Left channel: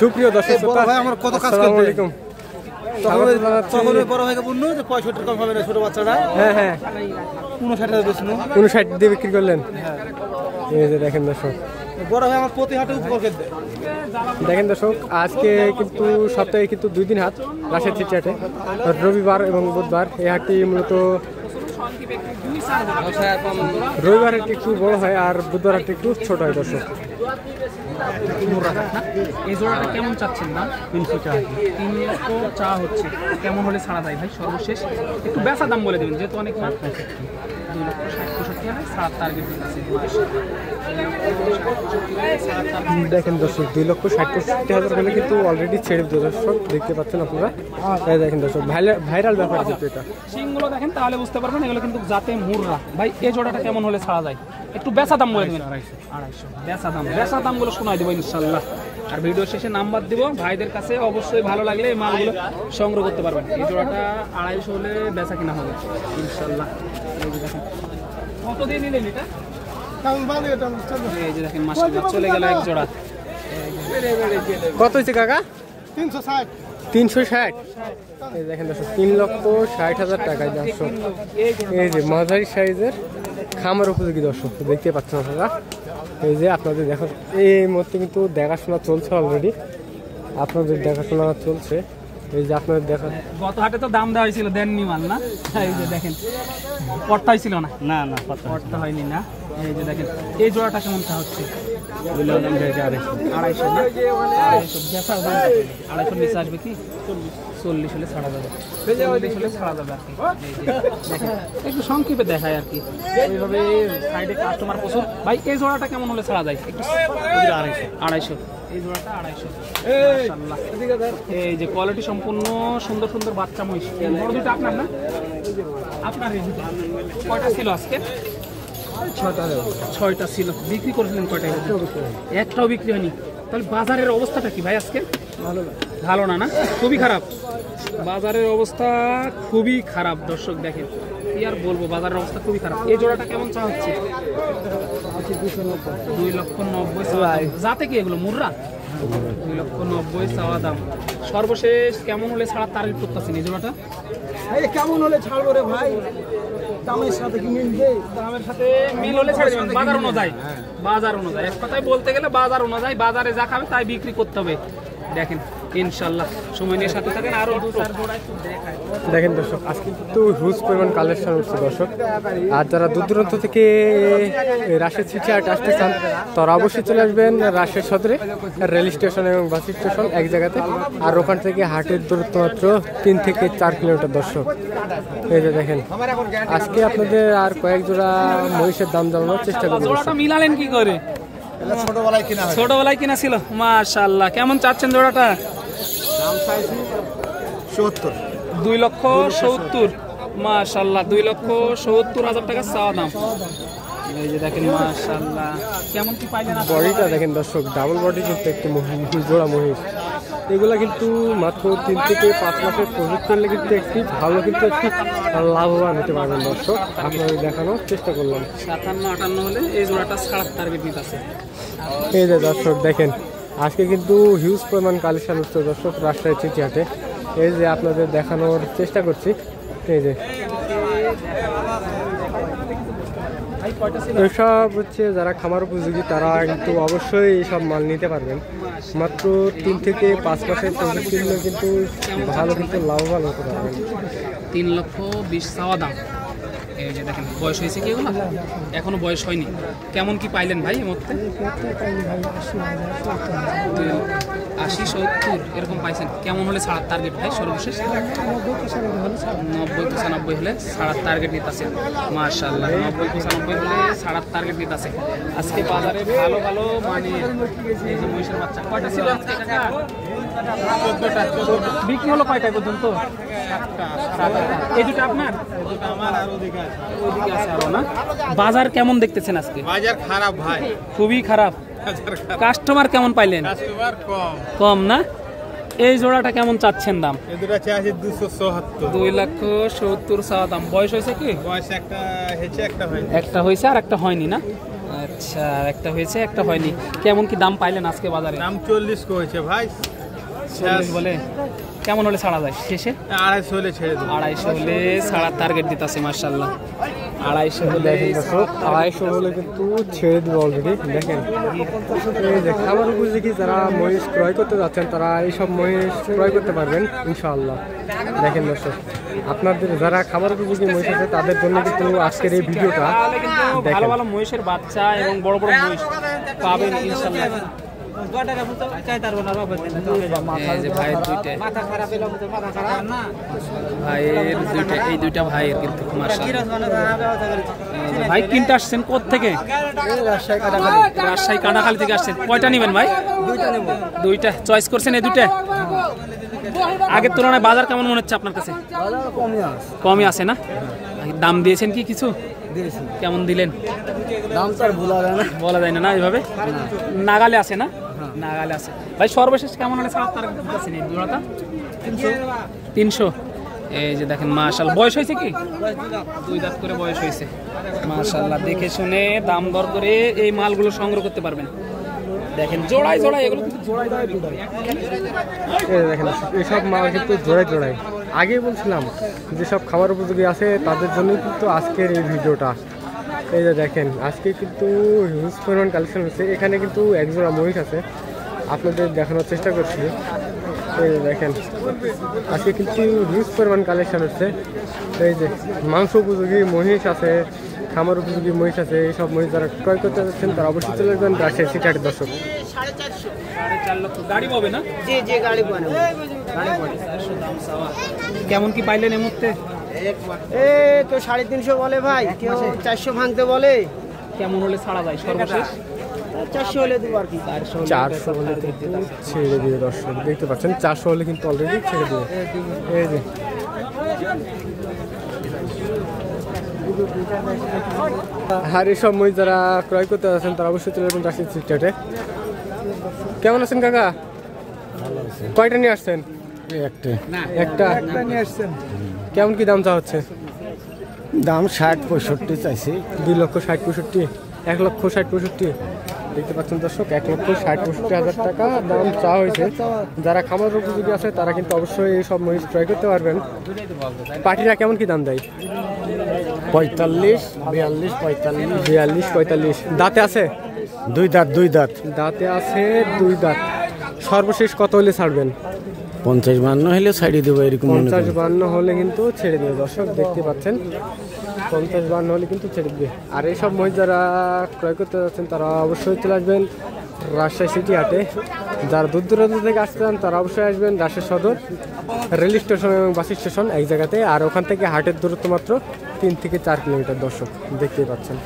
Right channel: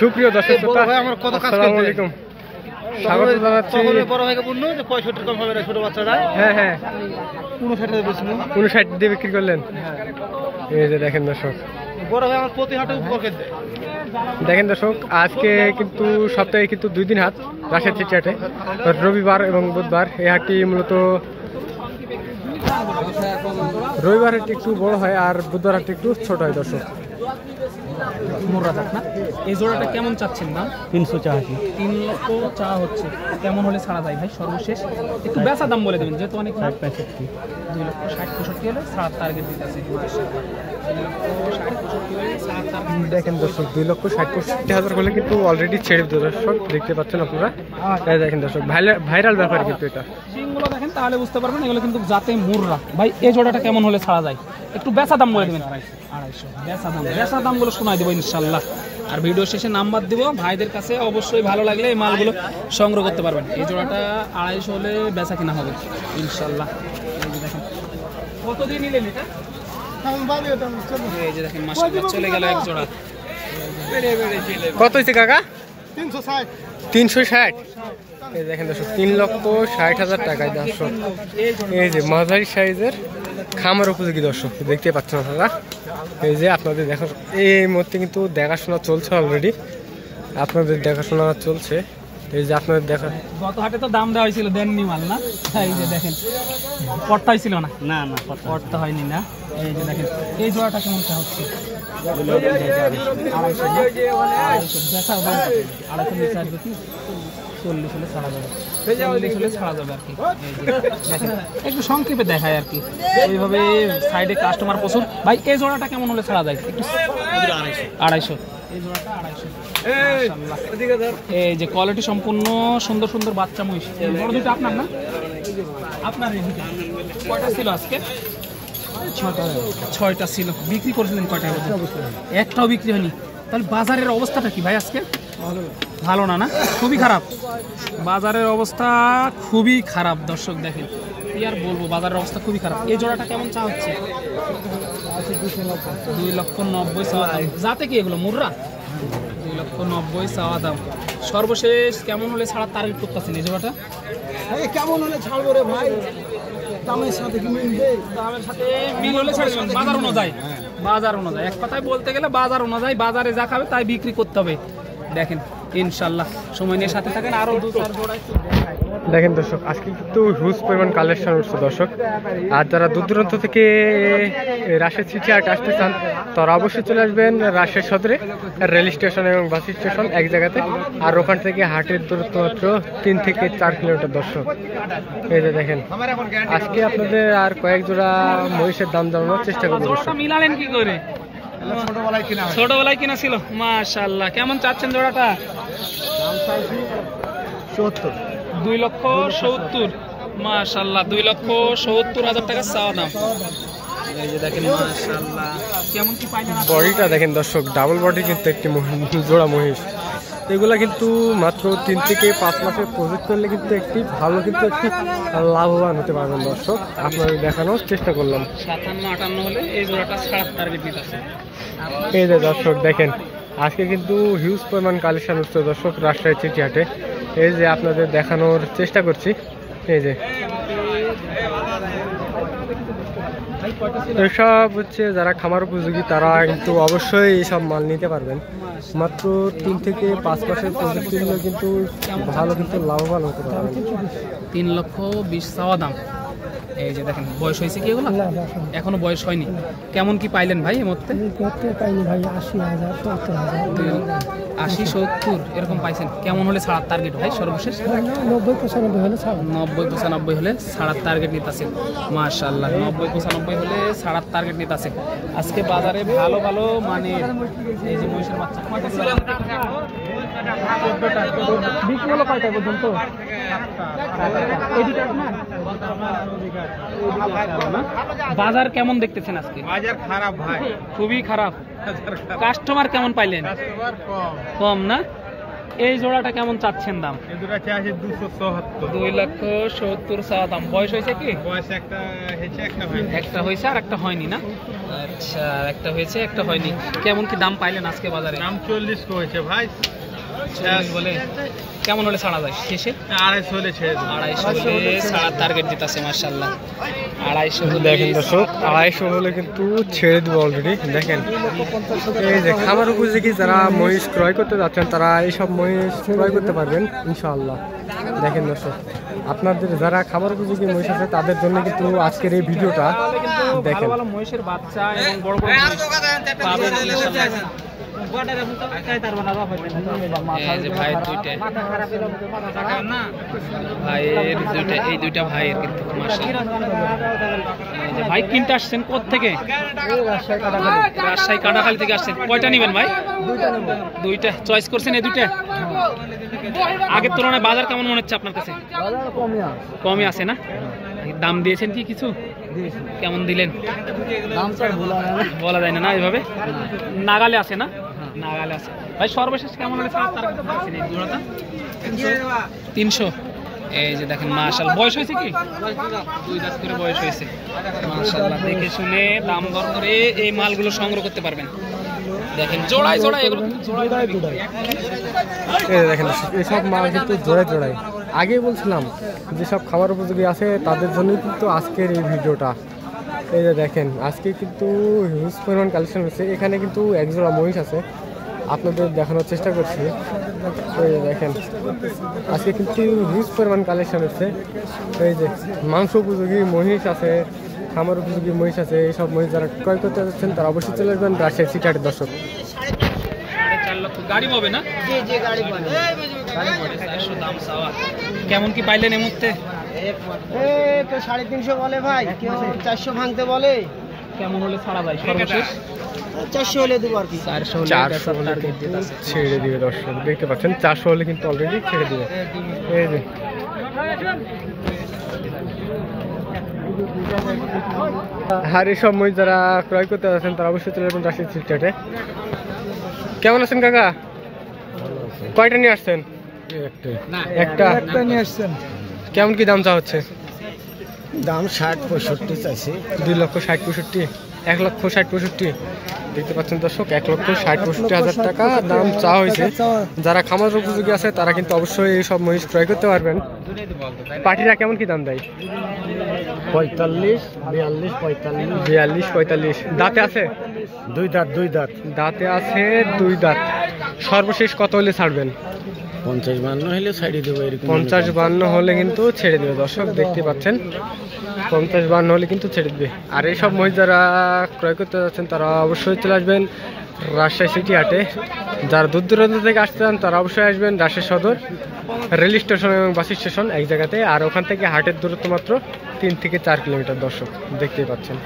সুপ্রিয় দর্শক শ্রোতা, আসসালামু আলাইকুম। স্বাগত জানাচ্ছি। হ্যাঁ হ্যাঁ, 59 দিয়ে বিক্রি করলেন। এই যে দেখেন দর্শক, দেখেন দর্শক, আজকে কিন্তু সপ্তাহে কিন্তু 2 দিন হাট রাজশাহী চিঠি হাটে, রবিবার এবং বুধবার। এই হাটটি মূলত রবিবার হাটটি একটু বড় হয় আর বুধবার হাটটি একটু ছোট হয় দর্শক। এই জোড়াটা কেমন চাচ্ছেন না? 300 টাকা। 3 লক্ষ চা হচ্ছে, কেমন হলে ছাড়া যায় ভাই? সর্বশেষ একটু বেচা দাম বলে দেবেন, যেহেতু অনেক 2 লক্ষ 60-65 হলে ছাড়ার টার্গেট দিতেছে। দেখেন দর্শক, 2,60,65,000 হলে কিন্তু অলরেডি ছেড়ে দিল দর্শক, দেখতে পাচ্ছেন আপনারা। দেখেন দর্শক, ভাইরাল ব্যাপার কিন্তু এটা। সিংগুলো দেখেন তাহলে বুঝতে পারবেন, এগুলো কিন্তু জাতে মুররা। ভাই এই জোড়াটা কেমন হলে ছাড়া যায়? একটু বেচা দাম বলে দেবেন। 250 বেচা দামগুলো শোনাই দেবো ইনশাল্লাহ। আর ভিডিও শেষে নাম্বার দিব, ভাইদের কাছে অবশ্যই ভালো লাগলে এই মালগুলো সংগ্রহ করতে পারবেন। এই জোড়াটা 250 হলে বেচা কিনা হবে ইনশাল্লাহ। এই যে দেখেন, কত দিয়ে নিলেন এটা? এই যে দেখেন, মাশাআল্লাহ চলে গেল এক জোড়া। কত হয়েছে কাকা? 360। এই দেখেন দর্শক, 3,60,000 টাকায় দর্শক। এই যে মাঝারি সাইজের খামার উপযোগী দর্শক, দেখতে পাচ্ছেন আপনারা। এই যে আপনাদের দেখা, এই মুহূর্তে কিন্তু দেখাশোনা চলছে অলরেডি, আপনাদের দেখাশোনা চলছে। এই যে আপনাদের দেখা, গত হাটে তো দাম দেওয়া হয়েছিল, দেননি মাল না? এই যে দেখেন, পড়তা হয়েছিল না? না না, পড়তা হয়নি না। এই যে দেখেন, এই জোড়াটা কেমন চা হচ্ছে? 250 না? 250 বেচার দাম কত? 250 নিচে আসবে কি? 40 হলে ছাড়া যাবে, 40 হলে ছাড়া যাবে আর কি। দেখেন একটু সংক্ষেপে দেখায় আর কি, এইভাবে সাইডে কাস্টমার প্রচুর। ভাই এই জোড়াটা কেমন হলে ছাড়া যায়? একটু 250। এই জোড়াটা 250। এই যে কোয়ালিটি সম্পূর্ণ সুন্দর সুন্দর বাচ্চা মহিষ। বড় দুটো আপনার না? আপনার এই দুটো কয়টা ছিল আজকে? 6টা ছিল। বিক্রি করেছিলেন কয়টা? একটাও বিক্রি হয়নি। তাহলে বাজারের অবস্থাটা কি ভাই আজকে? ভালো না? না, খুবই খারাপ। বাজারের অবস্থা খুবই খারাপ দর্শক, দেখেন কি আর বলবো, বাজারের অবস্থা খুবই খারাপ। এই জোড়াটা কেমন চা হচ্ছে? 2,90,000 চাওয়া দাম। যাতে কি এগুলো মুররা? 2,90,000 চাওয়া দাম। সর্বশেষ কেমন হলে ছাড়ার টার্গেট করতেছেন এই জোড়াটা? কেমন হলে ছাড়বো রে ভাই? দামের সাথে কি মিলবে? দামের সাথে মিল হলে ছেড়ে দেবেন, বাজার অনুযায়ী। বাজার অনুযায়ী, এক কথায় বলতে গেলে বাজার অনুযায়ী, বাজারে যা খাবে তাই বিক্রি করতে হবে। দেখেন ইনশাল্লাহ, সময় নিয়ে সাথে থাকেন। আরো 2-4 জোড়া দেখেন দর্শক, আজকে কিন্তু হিউজ পরিমাণ কালেকশন উঠছে দর্শক। আর যারা দূর দূরান্ত থেকে রাজশাহী চিঠি হাট আসতে চান, তারা অবশ্যই চলে আসবেন রাজশাহী সদরে, রেল স্টেশন এবং বাস স্টেশন এক জায়গাতে। আর ওখান থেকে হাটের দূরত্ব মাত্র 3 থেকে 4 কিলোমিটার দর্শক। এই যে দেখেন, আজকে আপনাদের আর কয়েক জোড়া মহিষের দাম জানানোর চেষ্টা করবো দর্শক। মিলালেন কি করে? ছোটবেলায় কিনা ছিল। মাশাআল্লাহ, কেমন চাচ্ছেন জোড়াটা? 2,70,000। মাশাআল্লাহ, 2,70,000 টাকা চাওয়া দাম। এই যে দেখেন, মাশাআল্লাহ কেমন কি পাইলেন? বডিটা দেখেন দর্শক, ডাবল বডি কিন্তু একটি জোড়া মহিষ। এগুলা কিন্তু মাত্র 3 থেকে 5 মাসের প্রজেক্ট করলে কিন্তু একটি ভালো, কিন্তু একটি লাভবান হতে পারবেন দর্শক। আপনাদের দেখানোর চেষ্টা করলাম। 57-58 হলে এই জোড়াটা ছাড়ার টার্গেট নিতেছে। এই যে দর্শক দেখেন, আজকে কিন্তু হিউজ পরিমাণ কালেকশন হচ্ছে দর্শক রাজশাহী চিঠি হাটে। এই যে আপনাদের দেখানোর চেষ্টা করছি। এই যে এসব হচ্ছে যারা খামার উপযোগী, তারা কিন্তু অবশ্যই এইসব মাল নিতে পারবেন। মাত্র 3 থেকে 5 মাসের প্রজেক্ট কিনলে কিন্তু ভালো, কিন্তু লাভবান হতে পারবেন। 3,20,000 চাওয়া দাম। এই যে দেখেন, বয়স হয়েছে কি এগুলো? এখনো বয়স হয়নি। কেমন কি পাইলেন ভাই এর মধ্যে? 80-70 এরকম পাইছেন। কেমন হলে ছাড়ার টার্গেট ভাই সর্বশেষ? 90-95 হলে ছাড়ার টার্গেট নিতেছে। মাশাআল্লাহ, 90-95 হলে ছাড়ার টার্গেট নিতেছে। আজকে বাজারে ভালো ভালো মানে এই যে মহিষের বাচ্চা কয়টা ছিল আজকে কাকা? 14টা। বিক্রি হলো কয়টায় পর্যন্ত? 7টা। এই দুটো আপনার? আমার আর ওদিকে আছে আরো না? বাজার কেমন দেখতেছেন আজকে? বাজার খারাপ ভাই, খুবই খারাপ। কাস্টমার কেমন পাইলেন? কাস্টমার কম না? এই জোড়াটা কেমন চাচ্ছেন দাম? এই দুটো চাইছে 270। 2,70,000 চাওয়া দাম। বয়স হয়েছে কি? বয়স একটা হয়েছে, একটা হয়নি। একটা হয়েছে আর একটা হয়নি না? আচ্ছা, একটা হয়েছে একটা হয়নি। কেমন কি দাম পাইলেন আজকে বাজারে? দাম 40 কইছে ভাই। 40 বলে কেমন হলে ছাড়া যায় শেষে? 250 হলে ছেড়ে দেব। 250 হলে ছাড়ার টার্গেট দিতেছে মাশাআল্লাহ। 250 হলে দেখেন দর্শক 250 হলে কিন্তু ছেড়ে দেবো অলরেডি। দেখেন এই যে খামার উপযোগী যারা মহিষ ক্রয় করতে যাচ্ছেন তারা এইসব মহিষ ক্রয় করতে পারবেন ইনশাআল্লাহ। দেখেন দর্শক আপনাদের যারা খামার উপযোগী মহিষ আছে তাদের জন্য কিন্তু আজকের এই ভিডিওটা দেখেন। ভালো ভালো মহিষের বাচ্চা এবং বড় বড় মহিষ পাবেন ইনশাআল্লাহ। এই যে ভাইয়ের দুইটা, ভাইয়ের দুইটা, এই দুইটা ভাইয়ের কিন্তু মাশাআল্লাহ। এই যে ভাই কিনতে আসছেন কোথা থেকে? রাজশাহী কাটাখালী থেকে আসছেন। কয়টা নেবেন ভাই? দুইটা চয়েস করছেন? এই দুইটা আগের তুলনায় বাজার কেমন মনে হচ্ছে আপনার কাছে? কমই আছে না? দাম দিয়েছেন কি কিছু? কেমন দিলেন? বলা যায় না, না এইভাবে নাগালে আছে না? নাগালে আছে। ভাই সর্বশেষ কেমন হলে ছাড়ার টার্গেট দিয়েছেন এই জোড়াটা? 300। এই যে দেখেন মাশাআল্লাহ। বয়স হয়েছে কি? 2 দাঁত করে বয়স হয়েছে মাশাআল্লাহ। দেখে শুনে দাম দর করে এই মালগুলো সংগ্রহ করতে পারবেন। দেখেন জোড়ায় জোড়ায়, এগুলো কিন্তু জোড়ায় জোড়ায় বিক্রি হয়। এই দেখেন এইসব মাল কিন্তু জোড়ায় জোড়ায়। আগেই বলছিলাম যেসব খাবার উপযোগী আছে তাদের জন্যই কিন্তু আজকের এই ভিডিওটা। এই যে দেখেন আজকে কিন্তু হিউজ পরিমাণ কালেকশন হচ্ছে। এখানে কিন্তু এক জোড়া মহিষ আছে, আপনাদের দেখানোর চেষ্টা করছি। এই যে দেখেন আজকে কিন্তু হিউজ পরিমাণ কালেকশন হচ্ছে। এই যে মাংস উপযোগী মহিষ আছে, খামার উপযোগী মহিষ আছে। এইসব মহিষ যারা ক্রয় করতে যাচ্ছেন তারা অবশ্যই চলে আসবেন রাজশাহী সিটি হাটের দর্শক। 4.5 লক্ষ গাড়ি পাবে না? জি জি গাড়ি পানি। 400 দাম চাওয়া। কেমন কি পাইলেন এই মুহূর্তে? তো 350 বলে ভাই, কেউ 400 ভাঙতে বলে। কেমন হলে ছাড়া যায় সর্বশেষ? 400 হলে দেবো আর কি। 400 হলে কিন্তু ছেড়ে দিবে দর্শক, দেখতে পাচ্ছেন 400 হলে কিন্তু অলরেডি ছেড়ে দিবে। এই যে আর এইসব মহিষ যারা ক্রয় করতে যাচ্ছেন তারা অবশ্যই চলে যাবেন রাজশাহী সিটি হাটে। কেমন আছেন কাকা? কয়টা নিয়ে আসছেন? একটা। কেমন কি দাম চা হচ্ছে? দাম 60-65 চাইছি। 2,60,65,000, 1,60,65,000। দেখতে পাচ্ছেন দর্শক 1,60,65,000 টাকা দাম চা হয়েছে। যারা খামার উপযোগী আছে তারা কিন্তু অবশ্যই এই সব মহিষ ক্রয় করতে পারবেন। পাটিরা কেমন কি দাম দেয়? 45, 42, 45। 42, 45। দাঁতে আছে? 2 দাঁত, 2 দাঁত। দাঁতে আছে 2 দাঁত। সর্বশেষ কত হলে ছাড়বেন? 50-52 হলে ছাড়িয়ে দেবো এরকম। 50-52 হলে কিন্তু ছেড়ে দেবে দর্শক, দেখতে পাচ্ছেন 50-52 হলে কিন্তু ছেড়ে দেবে। আর এইসব মহিষ যারা ক্রয় করতে যাচ্ছেন তারা অবশ্যই চলে আসবেন রাজশাহী সিটি হাটে। যারা দূর দূরান্ত থেকে আসতে চান তারা অবশ্যই আসবেন রাজশাহী সদর রেল স্টেশন এবং বাস স্টেশন এক জায়গাতে। আর ওখান থেকে হাটের দূরত্ব মাত্র 3 থেকে 4 কিলোমিটার দর্শক, দেখতেই পাচ্ছেন।